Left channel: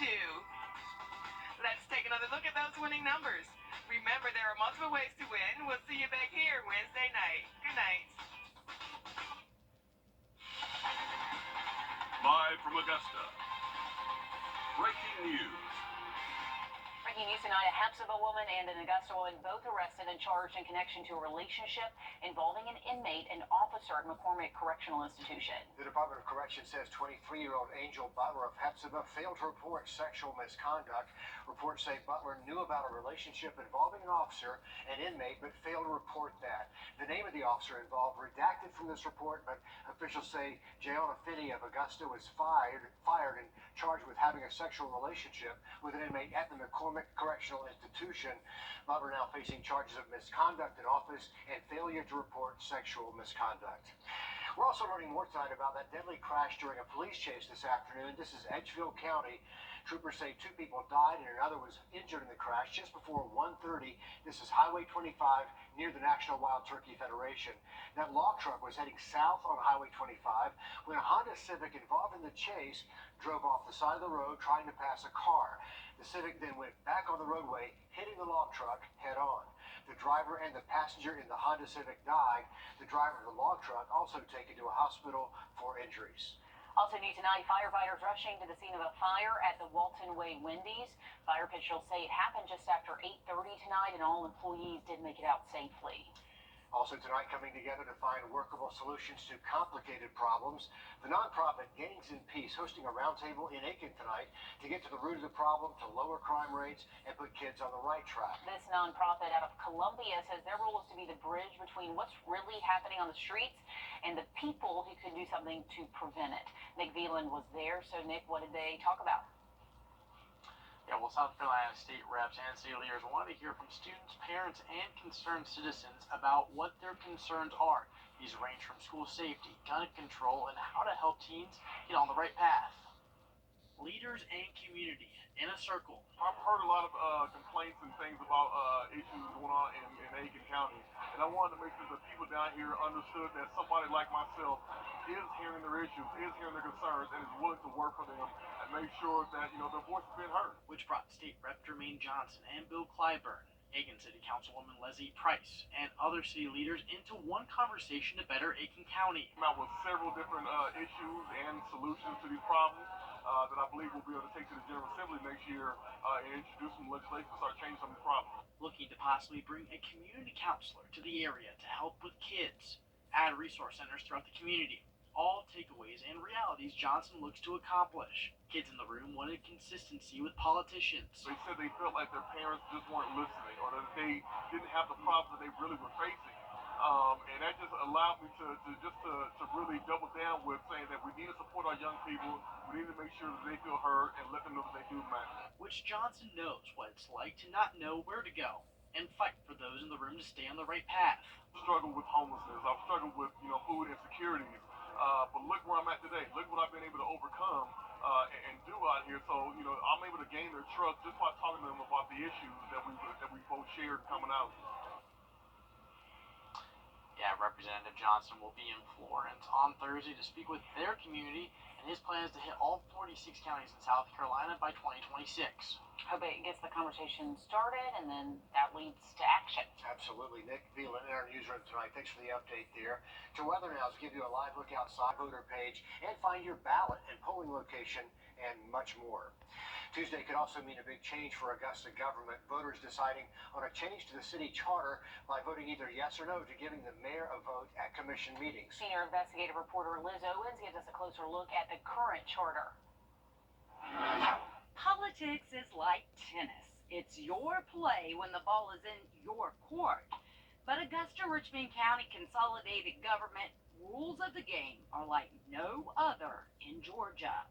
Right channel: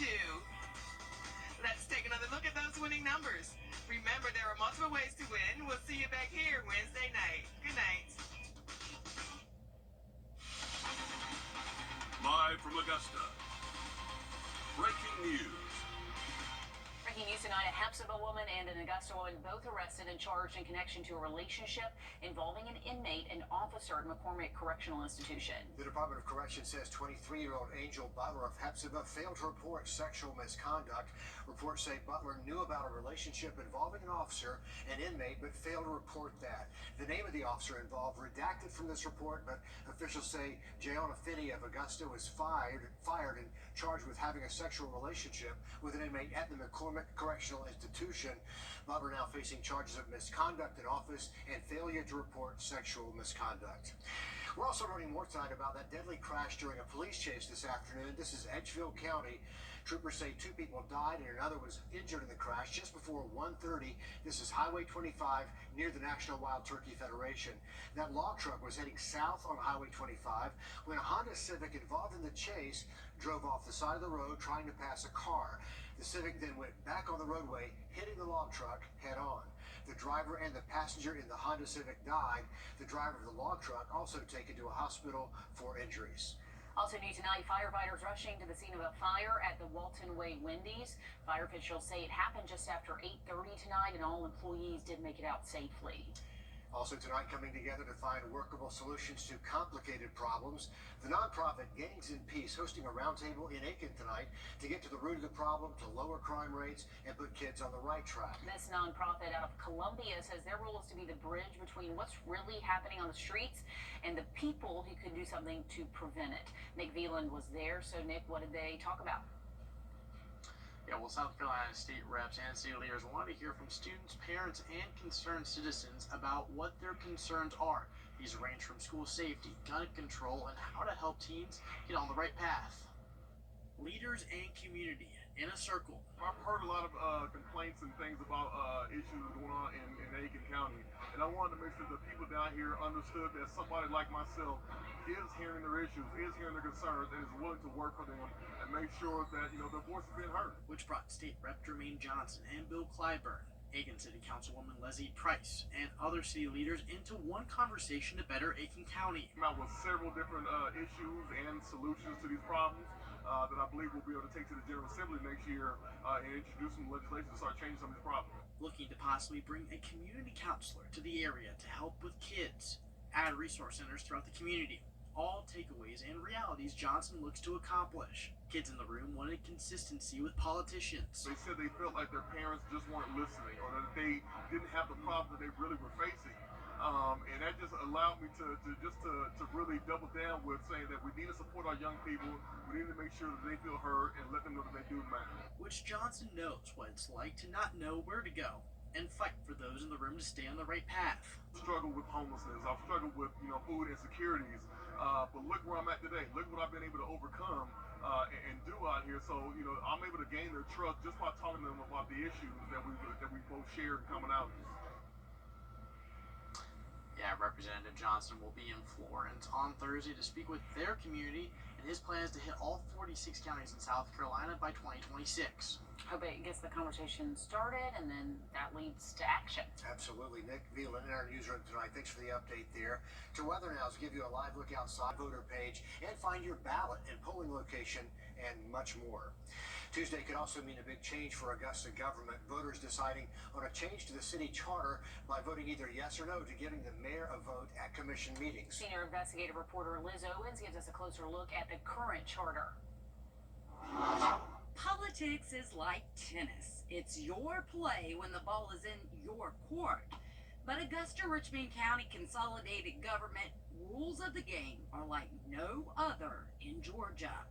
two. Let's take another look at those winning numbers. Remember, there are multiple ways to win. We'll see you back here Wednesday night. Good night. Live from Augusta, breaking news. Breaking news tonight, a Hepzibah woman and an Augusta woman both arrested and charged in connection to a relationship involving an inmate and officer at McCormick Correctional Institution. The Department of Corrections says 23-year-old Angel Butler of Hepzibah failed to report sexual misconduct. Reports say Butler knew about a relationship involving an officer, an inmate, but failed to report that. The name of the officer involved redacted from this report, but officials say Jayona Finney of Augusta was fired and charged with having a sexual relationship with an inmate at the McCormick Correctional Institution. Butler now facing charges of misconduct in office and failure to report sexual misconduct. We're also learning more tonight about that deadly crash during a police chase this afternoon. This is Edgefield County. Troopers say 2 people died and another was injured in the crash just before 1:30. This is Highway 25 near the National Wild Turkey Federation. That log truck was heading south on Highway 25 when a Honda Civic involved in the chase drove off the side of the road trying to pass a car. The Civic then went back on the roadway, hitting the log truck head on. The driver and the passenger in the Honda Civic died. The driver of the log truck also taken to a hospital for injuries. Also new tonight, firefighters rushing to the scene of a fire at the Walton Way Wendy's. Fire officials say it happened just after 8:30 tonight and all employees did make it out safely. Also tonight, coming together to find workable solutions to complicated problems, the nonprofit Gangs in Peace hosting a roundtable in Aiken tonight to get to the root of the problem, to lower crime rates, and put kids on the right track. This nonprofit out of Columbia says their role is to be the bridge between what's really happening on the streets and the people who can do something to prevent it. Nick Veland was there. So, Nick, what did they talk about? Yeah, well, South Carolina state reps and city leaders wanted to hear from students, parents, and concerned citizens about what their concerns are. These range from school safety, gun control, and how to help teens get on the right path. Leaders and community in a circle. I've heard a lot of complaints and things about issues going on in Aiken County, and I wanted to make sure that people down here understood that somebody like myself is hearing their issues, is hearing their concerns, and is willing to work for them and make sure that their voice is being heard. Which brought State Rep Jermaine Johnson and Bill Clyburn, Aiken City Councilwoman Leslie Price, and other city leaders into one conversation to better Aiken County. Came out with several different issues and solutions to these problems that I believe we'll be able to take to the General Assembly next year and introduce some legislation to start changing some of these problems. Looking to possibly bring a community counselor to the area to help with kids, add resource centers throughout the community. All takeaways and realities Johnson looks to accomplish. Kids in the room wanted consistency with politicians. They said they felt like their parents just weren't listening, or that they didn't have the problems that they really were facing. And that just allowed me to really double down with saying that we need to support our young people. We need to make sure that they feel heard and let them know that they do matter. Which Johnson knows what it's like to not know where to go and fight for those in the room to stay on the right path. I've struggled with homelessness. I've struggled with food insecurities. But look where I'm at today. Look what I've been able to overcome and do out here. So I'm able to gain their trust just by talking to them about the issues that we both share in coming out. Yeah, Representative Johnson will be in Florence on Thursday to speak with their community and his plans to hit all 46 counties in South Carolina by 2026. Hope it gets the conversation started and then that leads to action. Absolutely. Nick Veland in our newsroom tonight. Thanks for the update there. To Weather Now to give you a live look outside voter page and find your ballot and polling location and much more. Tuesday could also mean a big change for Augusta government. Voters deciding on a change to the city charter by voting either yes or no to giving the mayor a vote at commission meetings. Senior investigative reporter Liz Owens gives us a closer look at the current charter. Politics is like tennis. It's your play when the ball is in your court. But Augusta Richmond County Consolidated Government rules of the game are like no other in Georgia.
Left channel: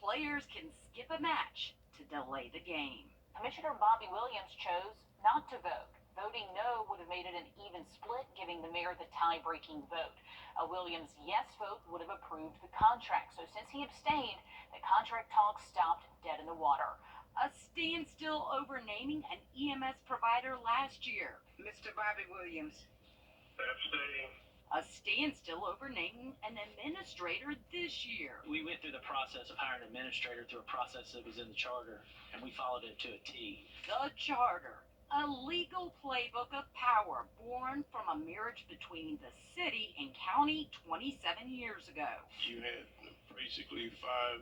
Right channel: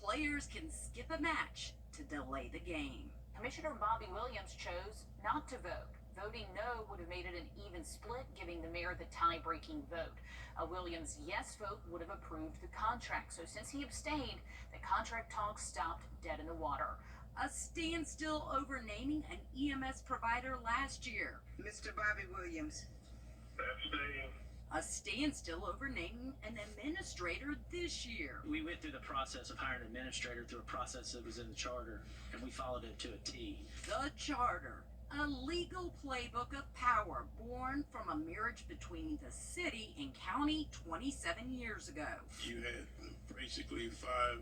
Players can skip a match to delay the game. Commissioner Bobby Williams chose not to vote. Voting no would have made it an even split, giving the mayor the tie-breaking vote. A Williams yes vote would have approved the contract. So since he abstained, the contract talks stopped dead in the water. A standstill over naming an EMS provider last year. Mr. Bobby Williams. Abstain. A standstill over naming an administrator this year. We went through the process of hiring an administrator through a process that was in the charter, and we followed it to a T. The charter, a legal playbook of power born from a marriage between the city and county 27 years ago. You had basically 5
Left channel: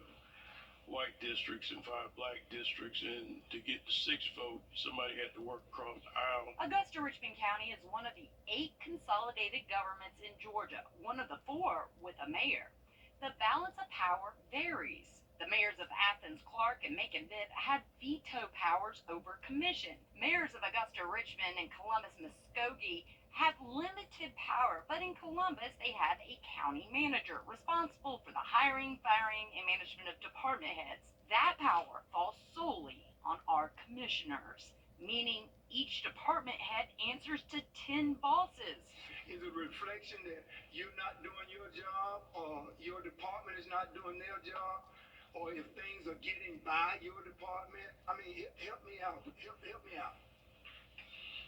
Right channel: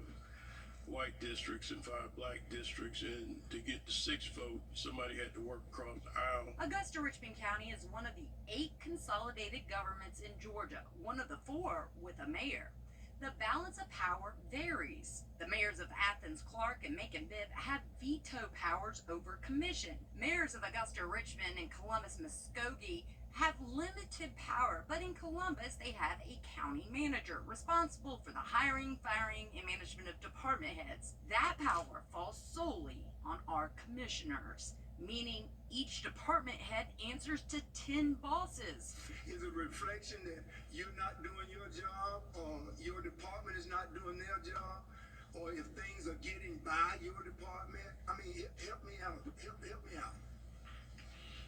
white districts and 5 black districts, and to get the 6th vote, somebody had to work across the aisle. Augusta-Richmond County is one of the 8 consolidated governments in Georgia, one of the 4 with a mayor. The balance of power varies. The mayors of Athens, Clark, and Macon-Bibb have veto powers over commission. Mayors of Augusta-Richmond and Columbus-Muskogee have limited power, but in Columbus they have a county manager responsible for the hiring, firing, and management of department heads. That power falls solely on our commissioners, meaning each department head answers to 10 bosses. Is it a reflection that you're not doing your job, or your department is not doing their job, or if things are getting by your department? I mean, help me out. Help me out.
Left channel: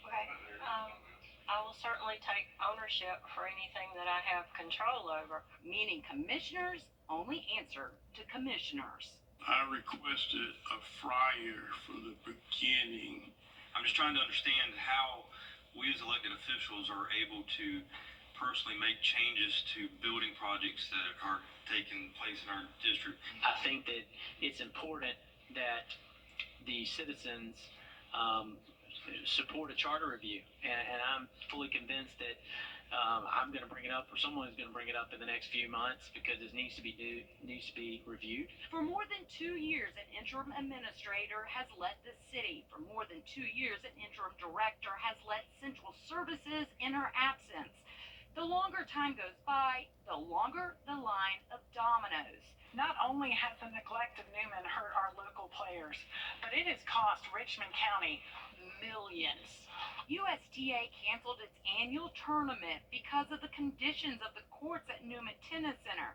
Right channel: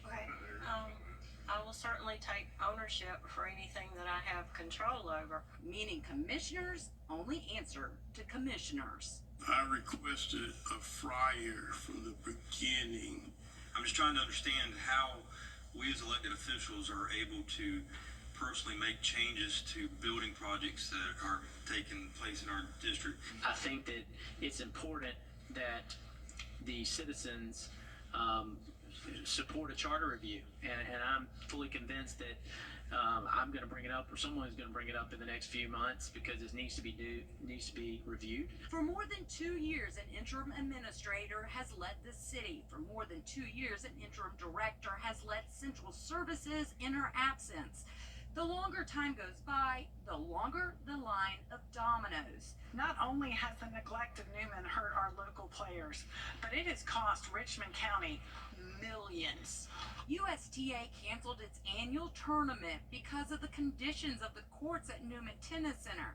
Okay. I will certainly take ownership for anything that I have control over. Meaning commissioners only answer to commissioners. I requested a flyer from the beginning. I'm just trying to understand how we as elected officials are able to personally make changes to building projects that are taking place in our district. I think that it's important that the citizens support a charter review, and I'm fully convinced that I'm going to bring it up, or someone's going to bring it up in the next few months, because it needs to be reviewed. For more than 2 years, an interim administrator has led the city. For more than 2 years, an interim director has led central services in her absence. The longer time goes by, the longer the line of dominoes. Not only has the neglect of Newman hurt our local players, but it has cost Richmond County millions. USTA canceled its annual tournament because of the conditions of the courts at Newman Tennis Center.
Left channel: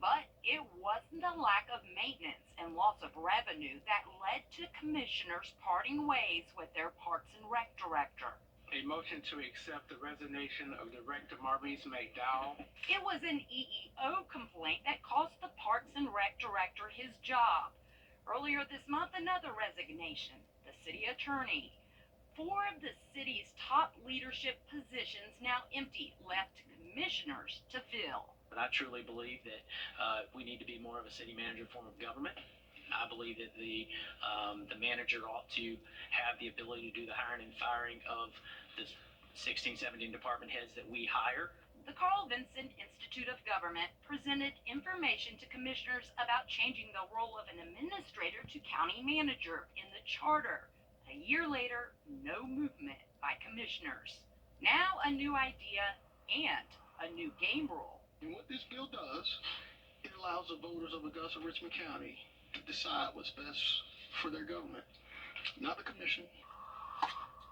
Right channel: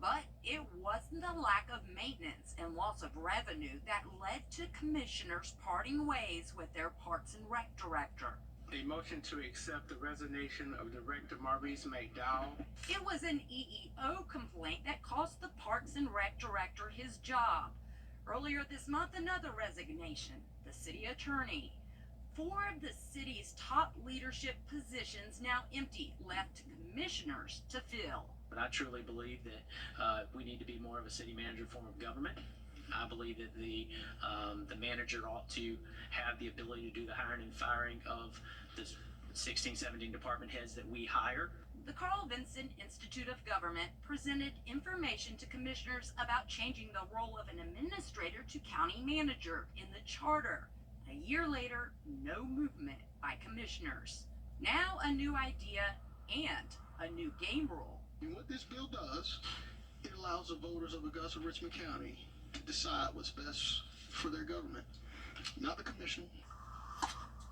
But it wasn't the lack of maintenance and loss of revenue that led to commissioners parting ways with their Parks and Rec director. A motion to accept the resignation of Director Maurice McDowell. It was an EEO complaint that cost the Parks and Rec director his job. Earlier this month, another resignation. The city attorney. 4 of the city's top leadership positions now empty, left to commissioners to fill. But I truly believe that we need to be more of a city manager form of government. I believe that the manager ought to have the ability to do the hiring and firing of the 16, 17 department heads that we hire. The Carl Vinson Institute of Government presented information to commissioners about changing the role of an administrator to county manager in the charter. A year later, no movement by commissioners. Now a new idea and a new game rule. And what this bill does, it allows the voters of Augusta-Richmond County to decide what's best for their government, not the commission.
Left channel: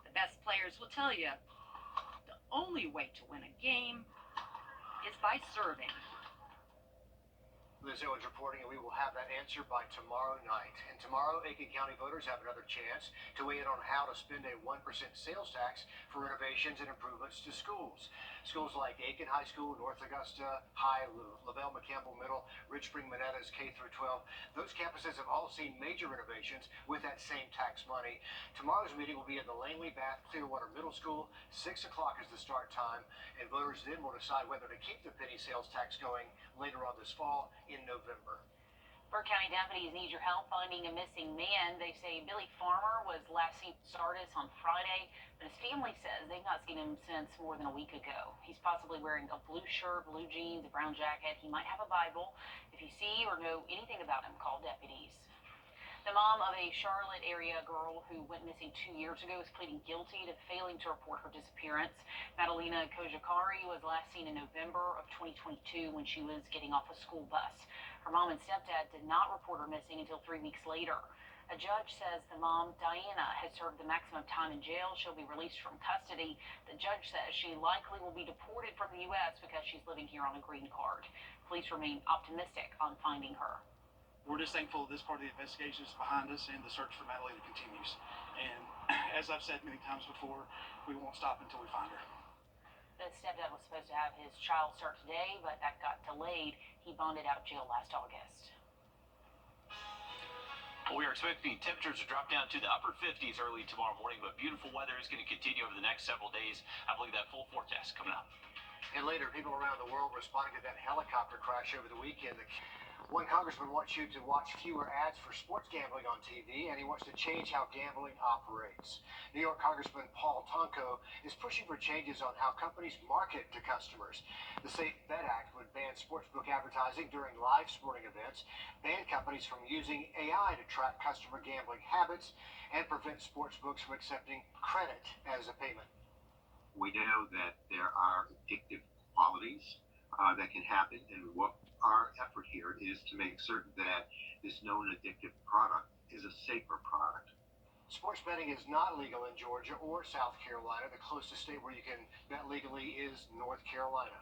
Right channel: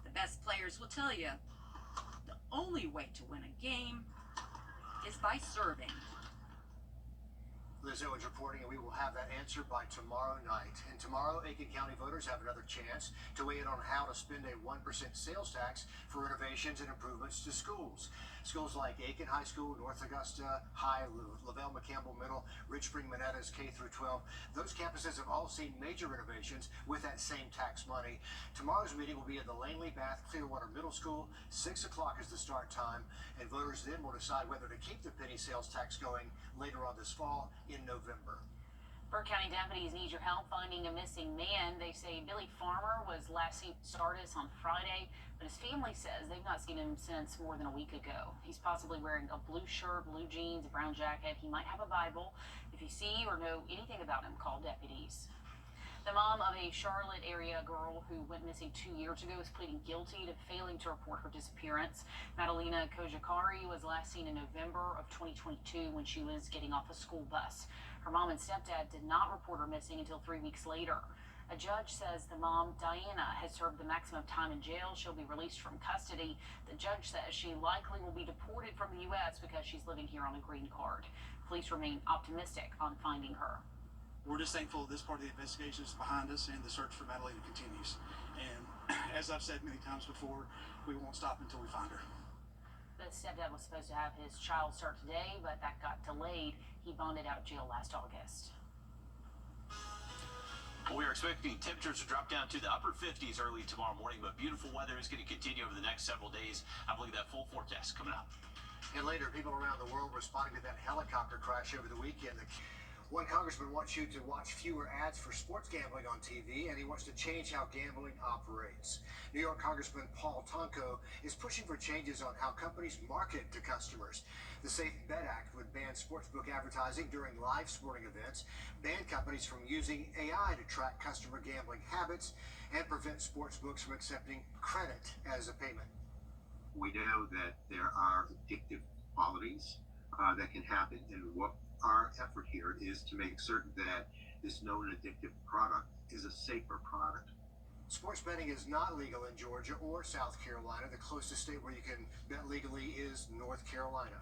The best players will tell you the only way to win a game is by serving. Liz Owens reporting, and we will have that answer by tomorrow night. And tomorrow, Aiken County voters have another chance to weigh in on how to spend a 1% sales tax for renovations and improvements to schools. Schools like Aiken High School, North Augusta High, Lavelle McCampbell Middle, Rich Spring Monetta's K through 12. Those campuses have all seen major renovations with that same tax money. Tomorrow's meeting will be at the Langley Bath Clearwater Middle School. 6 o'clock is the start time, and voters then will decide whether to keep the penny sales tax going later on this fall in November. Burke County deputies need your help finding a missing man. They say Billy Farmer was last seen at Sardis on Friday, but his family says they've not seen him since more than a week ago. He's possibly wearing a blue shirt, blue jeans, a brown jacket. He might have a Bible. If you see or know anything about him, call deputies. The mom of a Charlotte area girl who went missing 2 years ago is pleading guilty to failing to report her disappearance. Madalena Kojakari was last seen in November of 2022 when she was getting off a school bus. Her mom and stepdad did not report her missing until 3 weeks later. A judge says the mom, Diana, has served the maximum time in jail. She'll be released from custody. The judge says she likely will be deported from the U.S. because she's living here on a green card. Police remain optimistic on finding her. We're just thankful this part of the investigation is behind us and the search for Madalena continues. And as I've said many times before, we won't stop until we find her. The stepdad was supposed to have his trial start today, but that got delayed. He bonded out of jail last August. Well, we are expecting temperatures to drop down to the upper 50s early tomorrow morning, but beautiful weather is going to continue over the next several days. I believe that full forecast coming up. And later, people around the world responding to that helicopter crash over the weekend. One congressman wants you to watch fewer ads for sports gambling on TV, and he wants to change how gambling operates. New York Congressman Paul Tonko is pushing for changes on how companies market to customers. The Safe Bet Act would ban sportsbook advertising during live sporting events, ban companies from using AI to track customer gambling habits, and prevent sportsbooks from accepting credit as a payment. We know that there are addictive qualities that can happen, and what our effort here is to make certain that this known addictive product is a safer product. Sports betting is not legal in Georgia or South Carolina. The closest state where you can bet legally is North Carolina.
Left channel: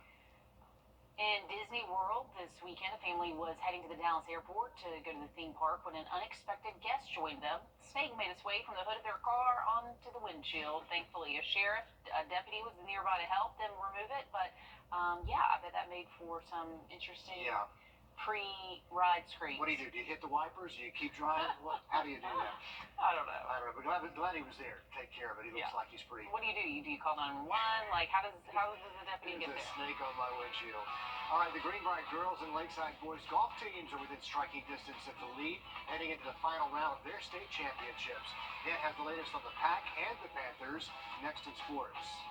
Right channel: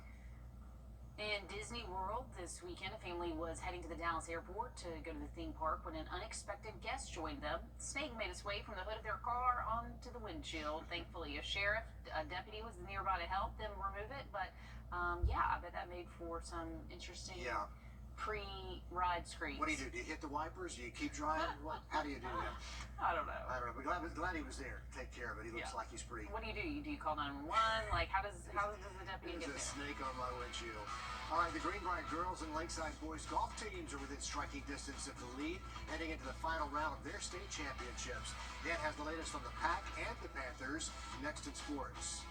In Disney World this weekend, a family was heading to the Dallas airport to go to the theme park when an unexpected guest joined them. The snake made its way from the hood of their car onto the windshield. Thankfully, a deputy was nearby to help them remove it, but yeah, I bet that made for some interesting pre-ride screens. What do you do? Do you hit the wipers? Do you keep driving? How do you do that? I don't know. But glad he was there to take care of it. He looks like he's pretty. What do? Do you call 911? Like, how does the deputy get There's there? a snake on my windshield. All right, the Greenbrier girls and Lakeside boys golf teams are within striking distance of the lead, heading into the final round of their state championships. Dan has the latest on the Pack and the Panthers next in sports.